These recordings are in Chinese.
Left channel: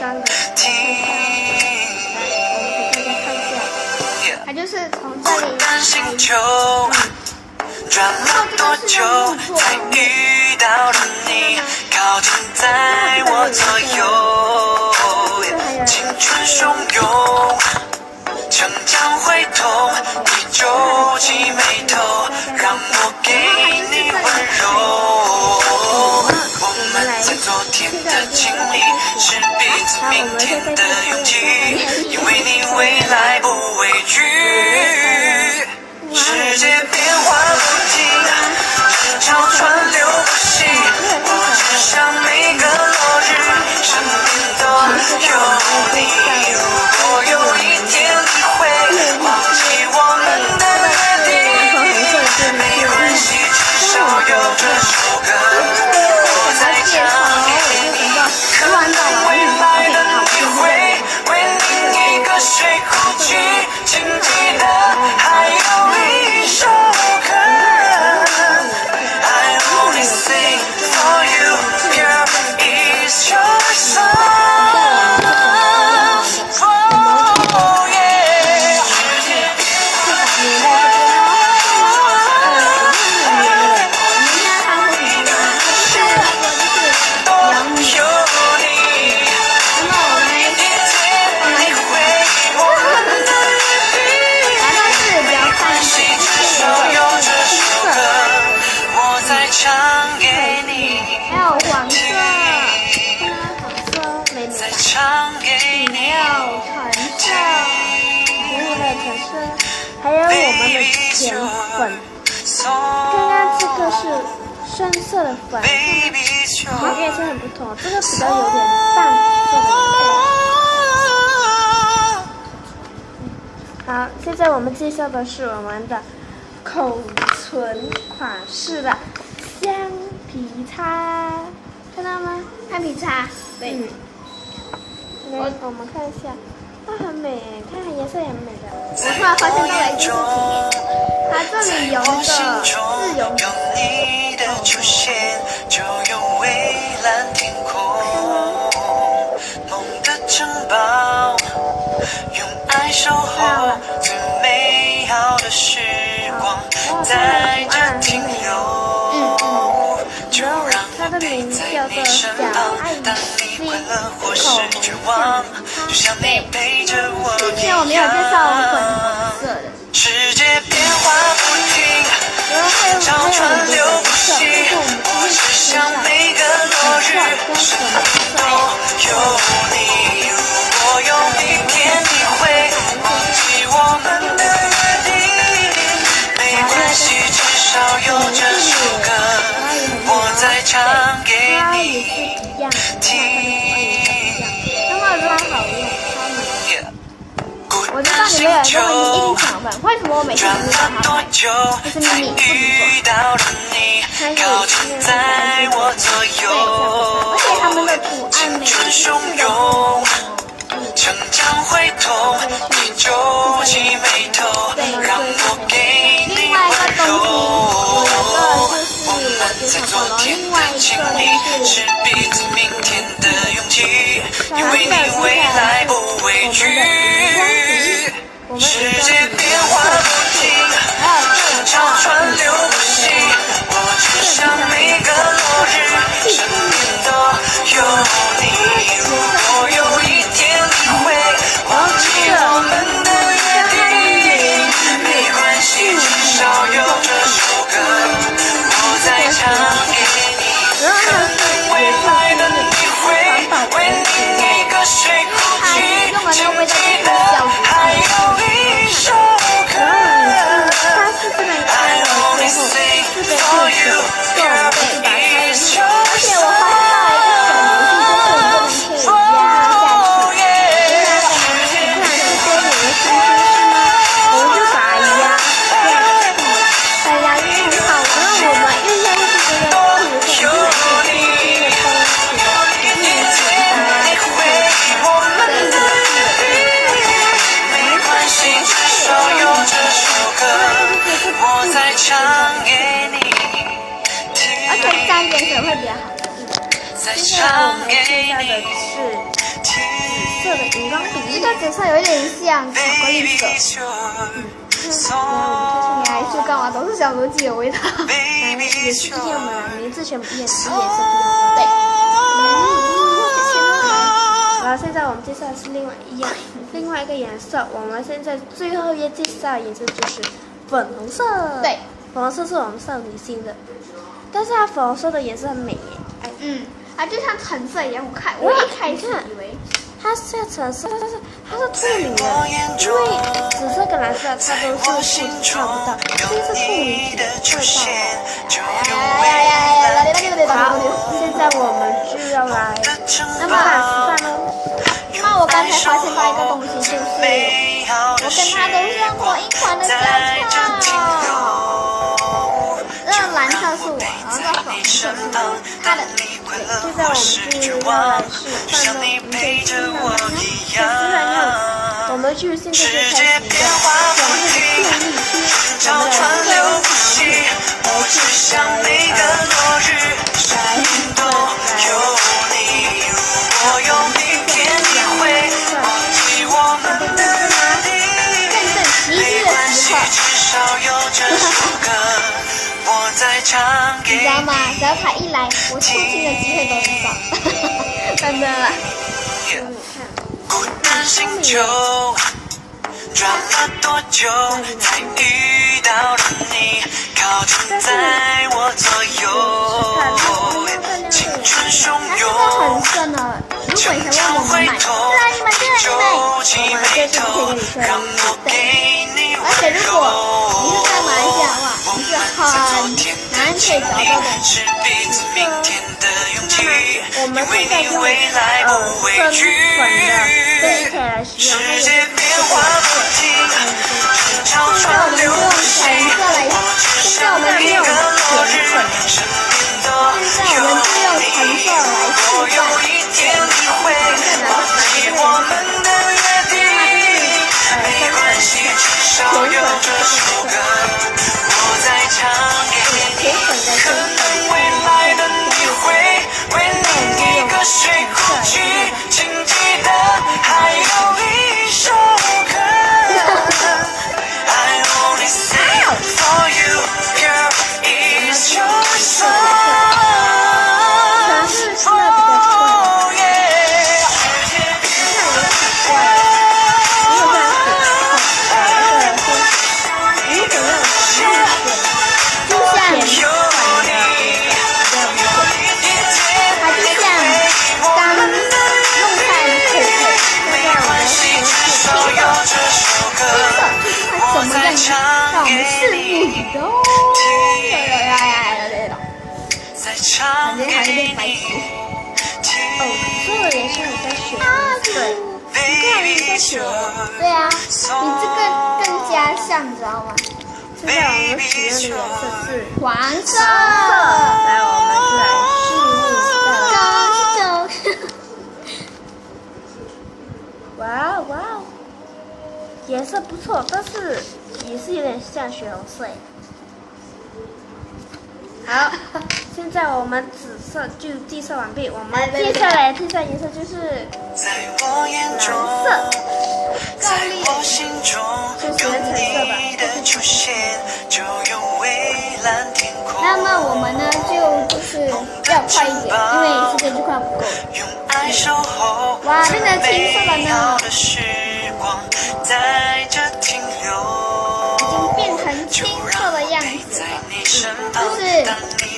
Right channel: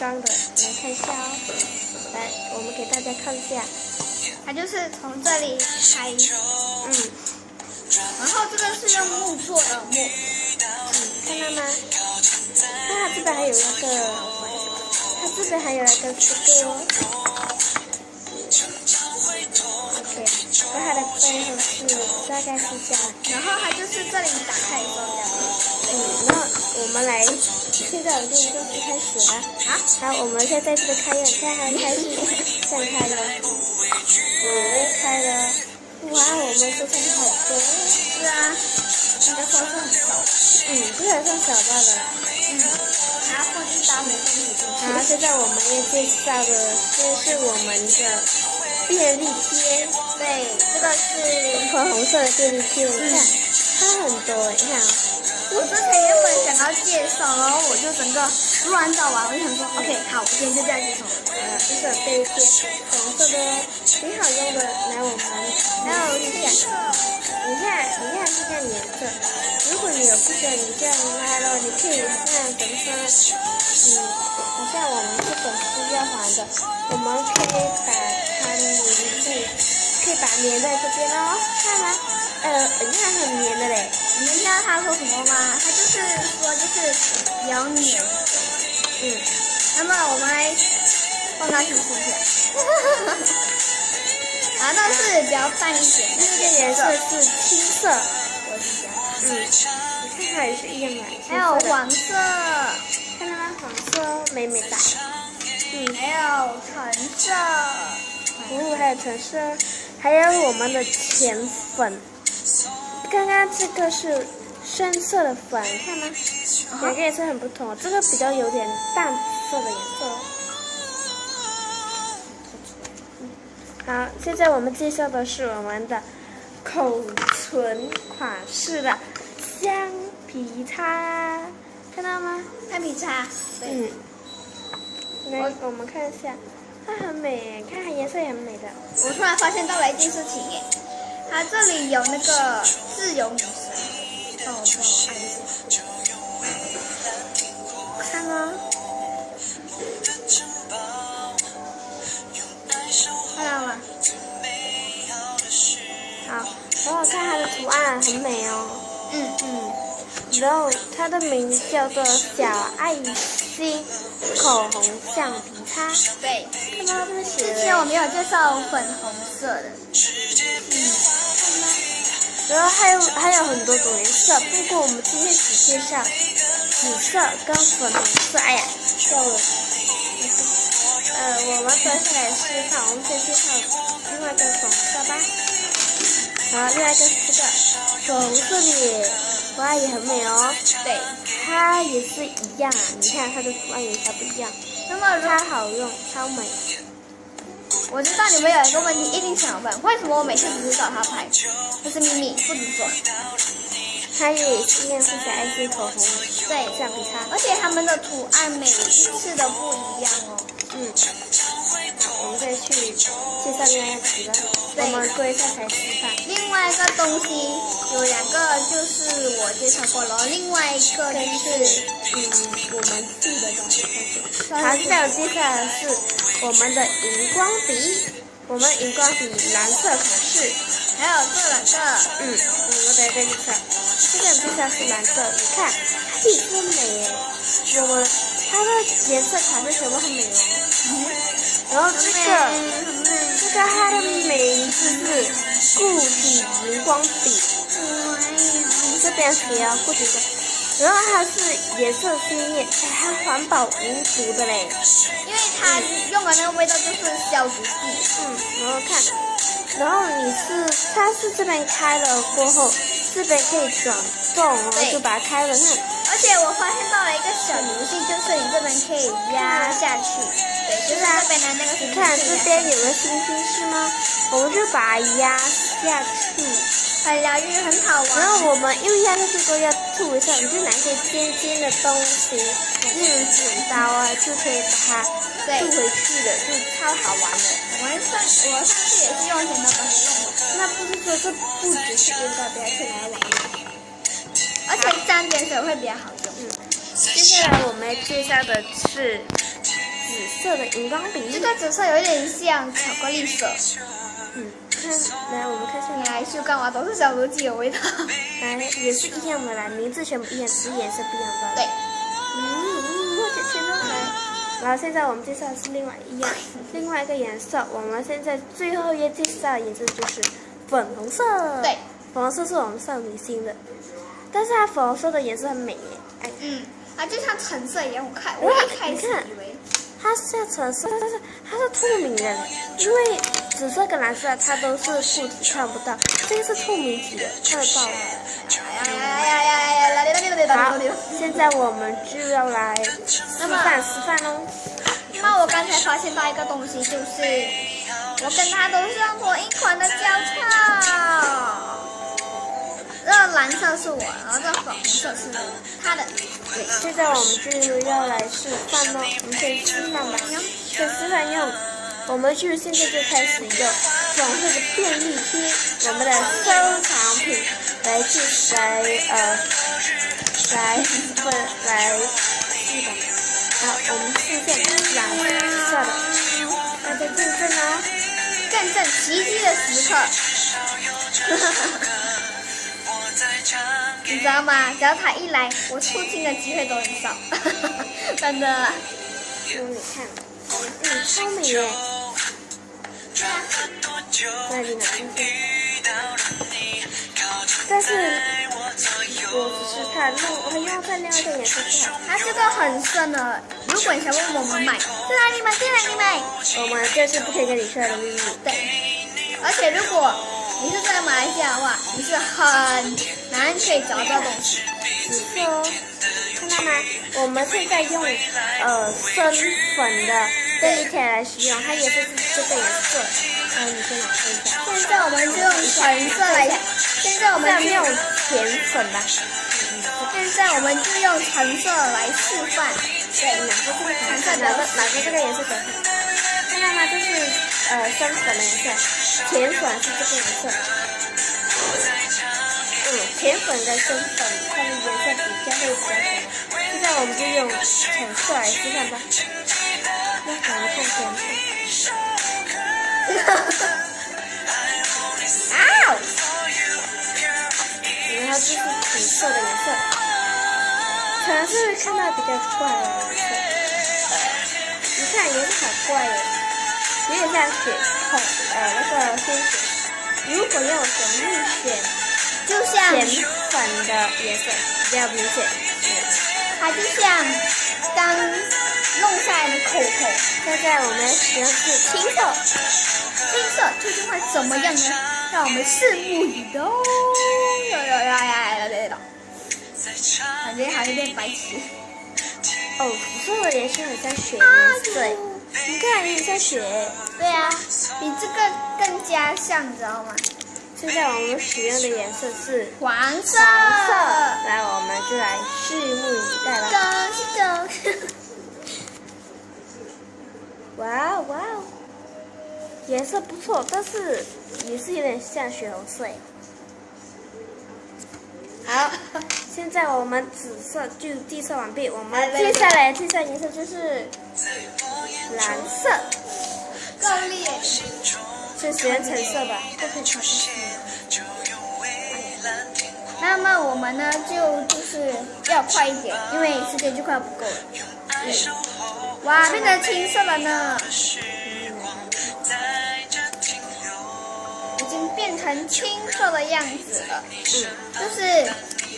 干的，我们给大家看一下，它就是从这里开始，然后这个是用木做的木，看到吗？然后这个有一个，还有一个成长会痛，你皱起眉头，让我给你温柔。我们来，现在我就开始好，我们现在就开始，因为你未来不畏惧。世界变化不停，人潮川流不息，我只想每个落日，身边都有你。如果有一天你会忘记我们的约定，没关系，至少有这首歌。我在唱给你，为你一个睡过去，静静的还有一首歌。I only sing for you, here is your song. 还有黄色，看到黄色美美的，还有橙色，还有橙色，还有我们的甜粉。刚刚这个是深色的粉，看吗？两个颜色很不同，这个比较有点淡色的颜色。好，现在我们介绍的是我们的口唇款式的橡皮擦，看到吗？橡皮擦，对。来，我们看一下，它很美，看它颜色也很美的。我突然发现到了一件事情耶，它这里有那个自由女神，看吗？看到了。好，然后它的图案很美哦。然后它的名字叫做小爱心口红橡皮擦，对。之前我没有介绍粉红色的。然后还有很多颜色，但是我们今天只介绍紫色跟粉红色。哎呀，好，另外一个粉红色的它也很美哦，对，它也是一样，你看它的图案也不一样，那么超好用，超美。我知道你们有一个问题一定想问，为什么我每次只找他拍？这是秘密，不准说。它也是那个对，而且他们的图案每一次的不一样哦。成长会痛，你皱起眉头，让我给你。另外一个东西有两个，就是我介绍过了，另外一个就是蓝色接下来是我们的荧光笔，我们荧光笔蓝色是，还有这两个这个是很美的，细分美的，它的颜色很美。然后这个它的名字是不停荧光笔，这个喜欢不停。然后它是颜色是环保无毒的嘞，它用的那个味道就是消毒剂，然后它是这边开了之后，这边可以手动的就把它开了之后，而且我发现到了一个小游戏，就是你这边可以压下去。这边有个星星是吗？我们就把它压下去，把它压进去很好。然后我们用下去这个要吐的时候，你就拿这尖尖的东西，剪刀啊，就可以把它对回去的，超好玩。我们这也是用什么？那这个不介绍的，而且沾点水会比较好用。接下来我们介绍的是色的荧光笔。这个紫色有一点像巧克力色。来，我们看出来就干嘛都是小逻辑的味道。来，也是一样的啦，名字全部一样，颜色不一样。对。然后现在我们介绍的是另外一个颜色。我们现在最后要介绍的颜色就是粉红色。对，粉红色是我们少女心的，但是它粉红色的颜色很美耶。哎，它就像橙色一样。我一开始以为它是橙色，但是它是透明的，因为紫色跟蓝色它都是固体看不到，这个是透明体的，看得到。好，现在我们就要来示范喽。那我刚才发现到一个东西，就是我跟他都是用同一款的胶套。这蓝色是我，然后这粉红色是他的。对，现在我们就要来示范喽。我们先示范完，先示范用，我们就现在就开始一个粉色的便利贴，我们的收藏品来去正奇迹的时刻，你知道吗？只要他一来，我出镜的机会都很少，真的。很聪明哦。转了多久才遇到了你，靠近在我左右，青春汹涌。它这个很深的，如果你想问我们买，在哪里买？我们这是不可以跟你说的秘密。对，而且如果你是在马来西亚的话，你是很难可以找到东西。我们现在用深粉的便利贴来使用，它也是这个颜色。现在我们就用橙色来，现在我们就用甜粉来，现在我们就用橙色来示范。对，橙色比较喜欢这个颜色。那么这是深粉的甜粉是这个颜色。甜粉的深粉上面的颜色比较会。现在我们就用橙色来示范吧。怎么样呢？让我们拭目以待。反正还有点白痴。这个也是很像雪颜色，你看有点像雪。对啊，比这个更加像，你知道吗？现在我们使用的颜色是黄色。来，我们就来拭目以待。哇哦！颜色不错，但是也是有点像血红色耶。好，现在我们紫色就介绍完毕，我们接下来介绍颜色就是蓝色，够力，就喜欢橙色的。那么我们呢就是要快一点，因为时间就快不够了。哇，变成青色了呢！已经变成青色的样子了，就是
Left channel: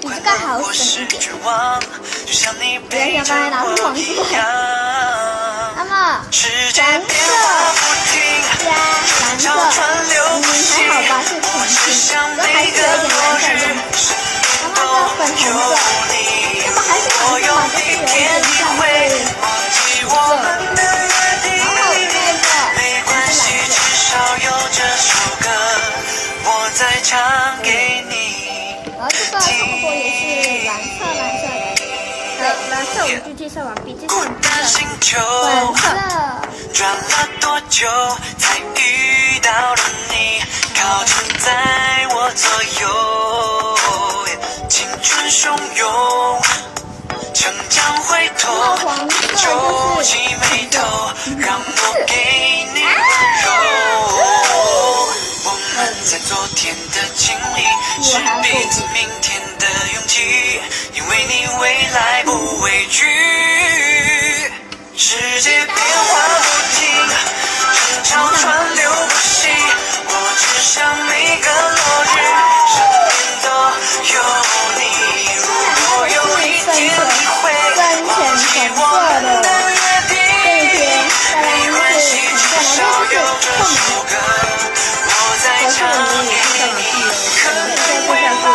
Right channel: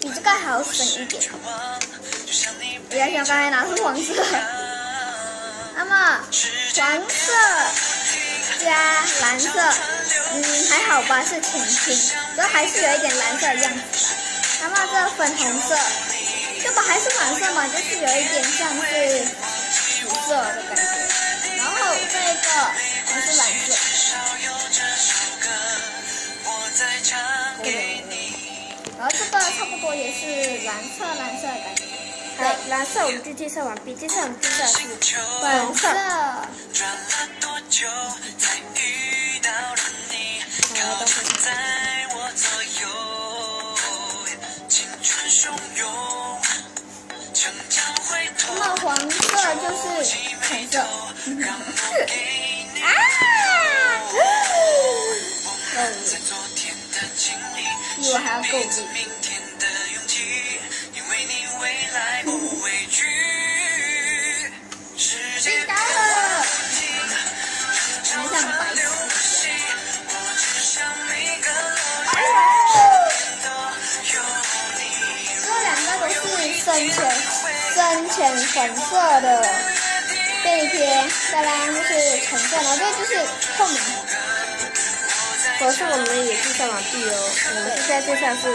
比这个好省一点。不要像刚才拿出黄色。那么黄色加蓝色，还好吧，是挺青，都还是有一点蓝色的样子。那么这粉红色，这不还是黄色嘛，就是有一点像是紫色的。然后这个是蓝色。然后这个差不多也是蓝色。对，蓝色我们就介绍完毕，接下来我们介绍是粉色。转了多久才遇到了你，靠近在我左右，青春汹涌，成长回头，那黄色就是橙色。昨天的经历，是彼此明天的勇气，因为你未来不畏惧。世界变化不停，人潮川流不息，我只想每个落日，身边都有你。如果有一天你会深浅粉色的这一篇，再来是橙色，然后这就是透明的。可是我们也是上网地哦，我们现在就像是小草。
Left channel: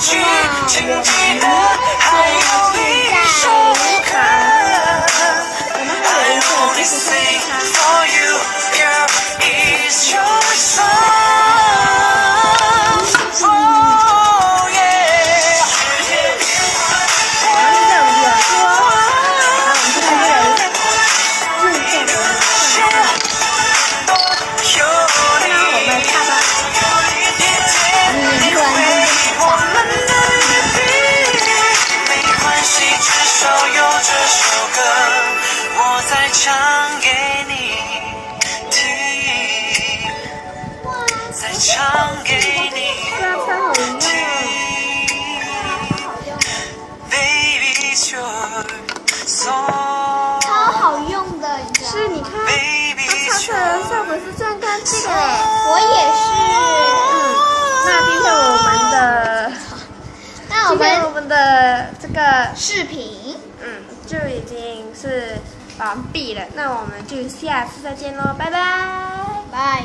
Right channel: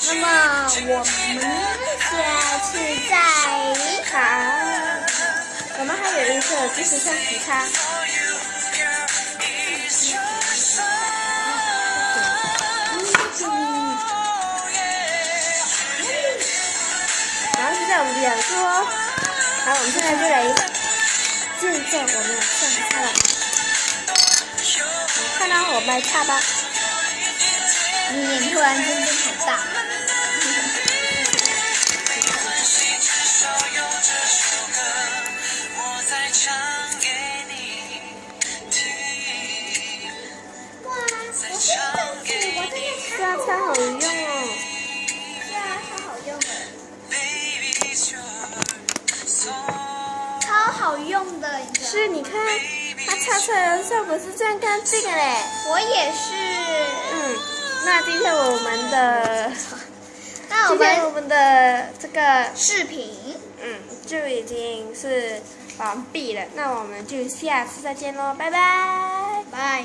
那么我们就要去在我们还有一个就是送它。大吧，突然间变很大。没关系，至少有这首歌，我再唱给你听。再唱给你听。超好用的。 Baby, it's your song。超好用的，你知道吗？是，你看，它擦出来的效果是这样干净的嘞。我也是。那今天我们的这个视频，就已经是完毕了。那我们就下次再见喽，拜拜。拜。